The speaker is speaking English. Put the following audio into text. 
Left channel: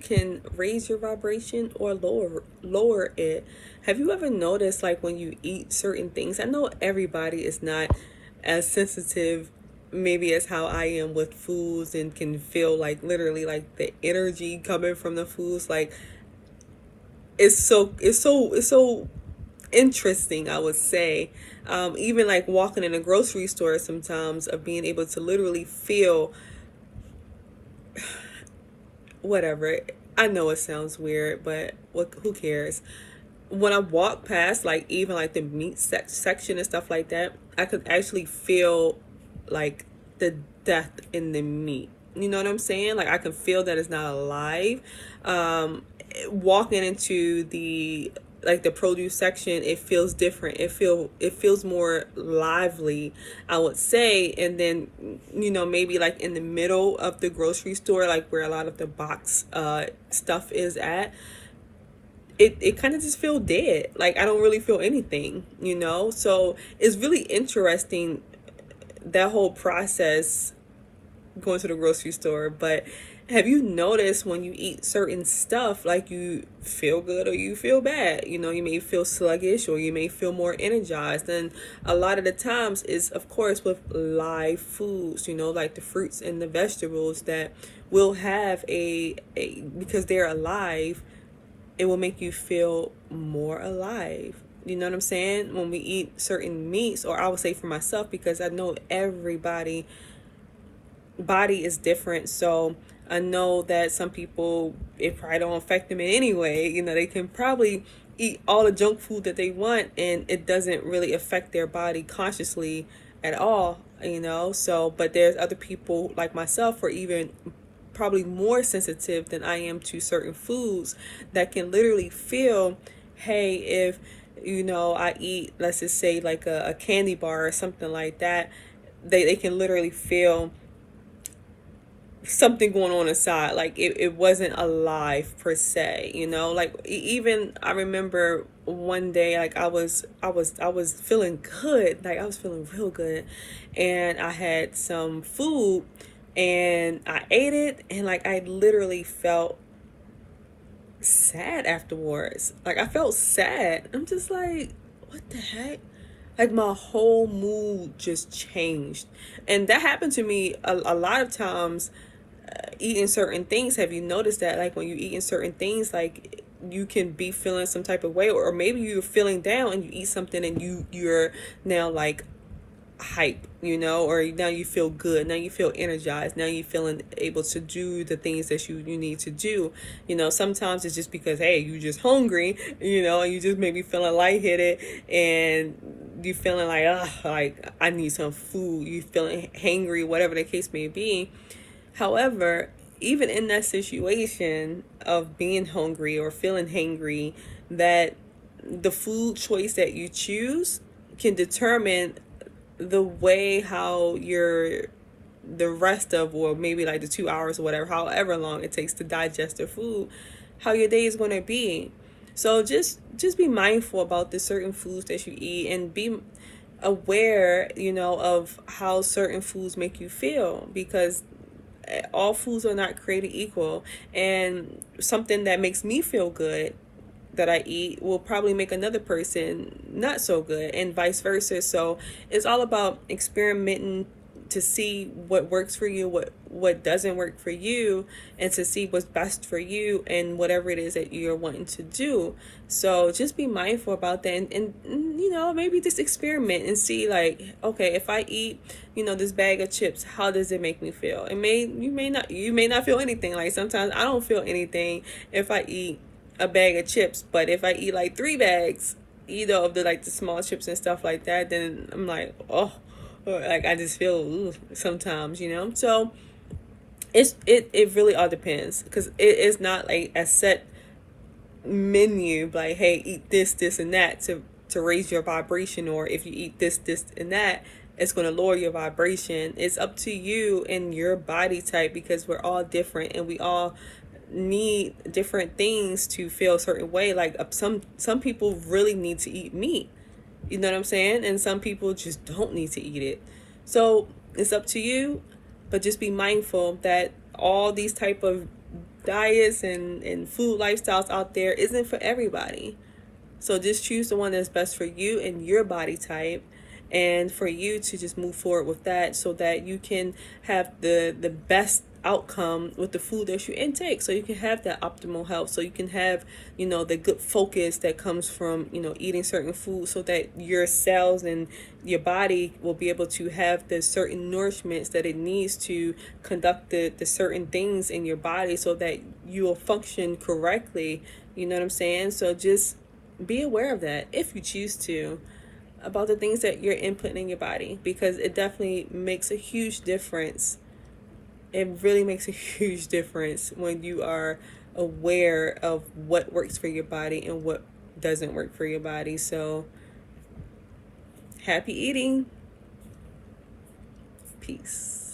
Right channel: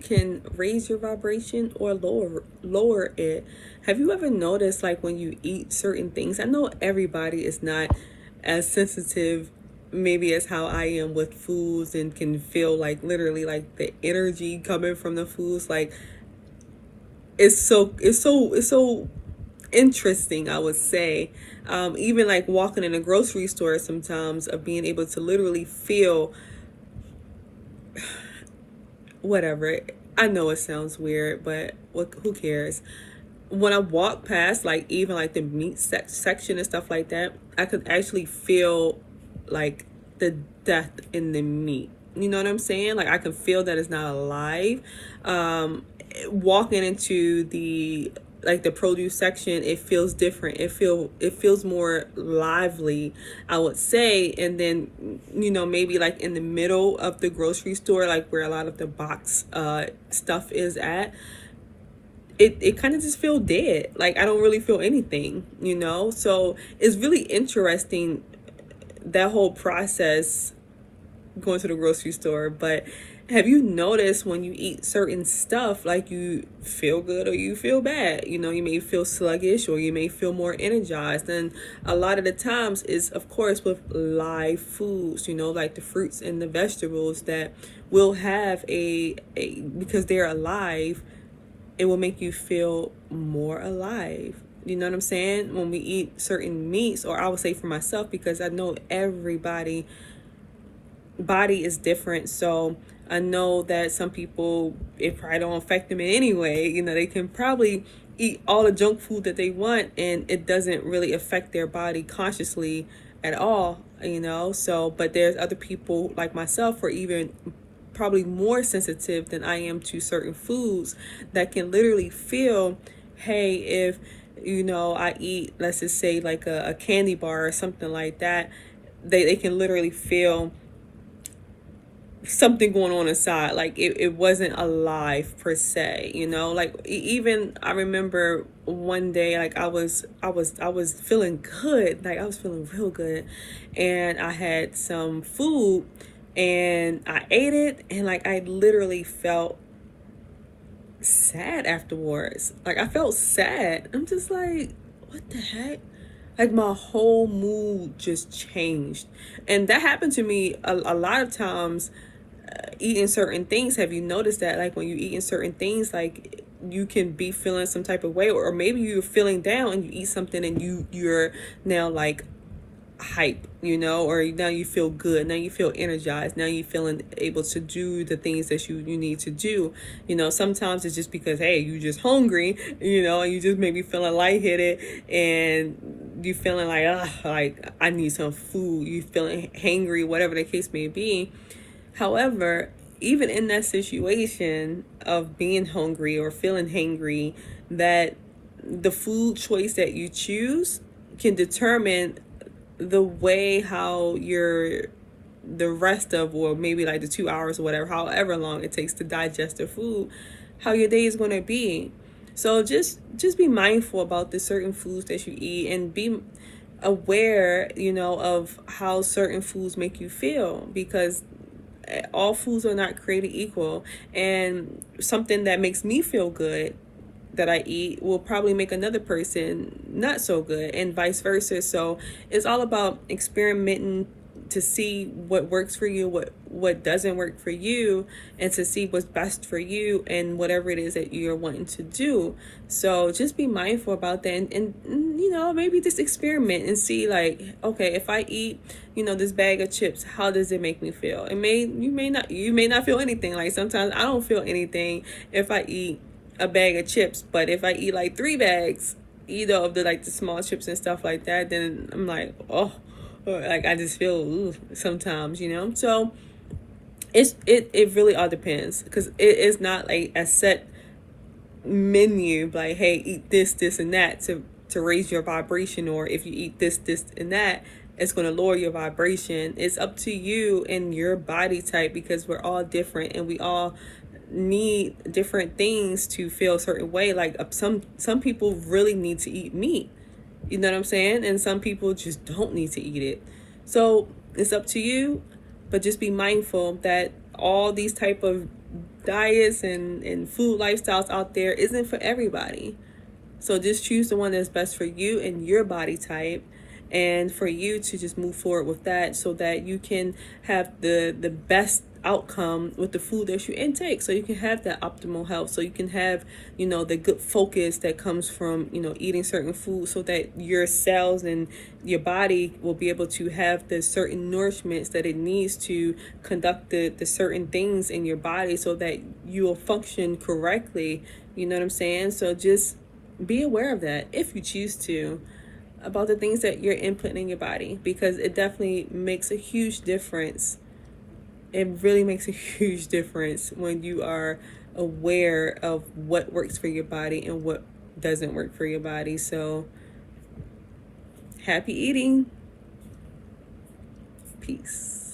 food can raise your vibration or lower it. Have you ever noticed, like, when you eat certain things? I know everybody is not as sensitive maybe as how I am with foods, and can feel like literally like the energy coming from the foods. Like, it's so interesting, I would say. Even like walking in a grocery store sometimes, of being able to literally feel whatever. I know it sounds weird, but who cares? When I walk past, like, even like the meat section and stuff like that, I could actually feel like the death in the meat. You know what I'm saying? Like, I can feel that it's not alive. Walking into the, like, the produce section, it feels different. It feels more lively, I would say. And then, maybe like in the middle of the grocery store, like where a lot of the box stuff is at, it kind of just feel dead. Like, I don't really feel anything. So it's really interesting, that whole process, going to the grocery store. But have you noticed, when you eat certain stuff, like, you feel good or you feel bad? You may feel sluggish or you may feel more energized. And a lot of the times is, of course, with live foods, like the fruits and the vegetables that will have because they're alive, it will make you feel more alive. You know what I'm saying? When we eat certain meats, or I would say for myself, because I know everybody body is different. So I know that some people, it probably don't affect them in any way. They can probably eat all the junk food that they want, and it doesn't really affect their body consciously at all. So, but there's other people like myself, or even probably more sensitive than I am to certain foods, that can literally feel, hey, if I eat, let's just say, like a candy bar or something like that, they can literally feel something going on inside. Like, it wasn't alive per se. Like, even I remember one day, like, I was feeling good. Like, I was feeling real good, and I had some food, and I ate it, and like, I literally felt sad afterwards. Like, I felt sad. I'm just like, what the heck? Like, my whole mood just changed. And that happened to me a lot of times, eating certain things. Have you noticed that, like, when you eating certain things, like, you can be feeling some type of way, or maybe you're feeling down and you eat something, and you're now like hype, or now you feel good, now you feel energized, now you feeling able to do the things that you need to do. Sometimes it's just because, hey, you just hungry, and you just maybe feeling lightheaded, and you feeling like I need some food, you feeling hangry, whatever the case may be. However, even in that situation of being hungry or feeling hangry, that the food choice that you choose can determine the way how the rest of, or maybe like the 2 hours or whatever, however long it takes to digest the food, how your day is going to be. So just be mindful about the certain foods that you eat, and be aware, of how certain foods make you feel, because all foods are not created equal. And something that makes me feel good, that I eat, will probably make another person not so good, and vice versa. So it's all about experimenting to see what works for you, what doesn't work for you, and to see what's best for you and whatever it is that you're wanting to do. So just be mindful about that, and maybe just experiment and see, like, okay, if I eat this bag of chips, how does it make me feel? You may not feel anything. Like, sometimes I don't feel anything if I eat a bag of chips, but if I eat like 3 bags, of the, like, the small chips and stuff like that, then I'm like, oh, like, I just feel sometimes. So it really all depends, because it is not like a set menu, like, hey, eat this and that to raise your vibration, or if you eat this and that, it's going to lower your vibration. It's up to you and your body type, because we're all different, and we all need different things to feel a certain way. Like, some people really need to eat meat, you know what I'm saying, and some people just don't need to eat it. So it's up to you, but just be mindful that all these type of diets and food lifestyles out there isn't for everybody. So just choose the one that's best for you and your body type, and for you to just move forward with that so that you can have the best outcome with the food that you intake, so you can have that optimal health, so you can have, the good focus that comes from, eating certain food, so that your cells and your body will be able to have the certain nourishments that it needs to conduct the certain things in your body so that you will function correctly. You know what I'm saying? So just be aware of that if you choose to, about the things that you're inputting in your body, because it definitely makes a huge difference. It really makes a huge difference when you are aware of what works for your body and what doesn't work for your body. So happy eating. Peace.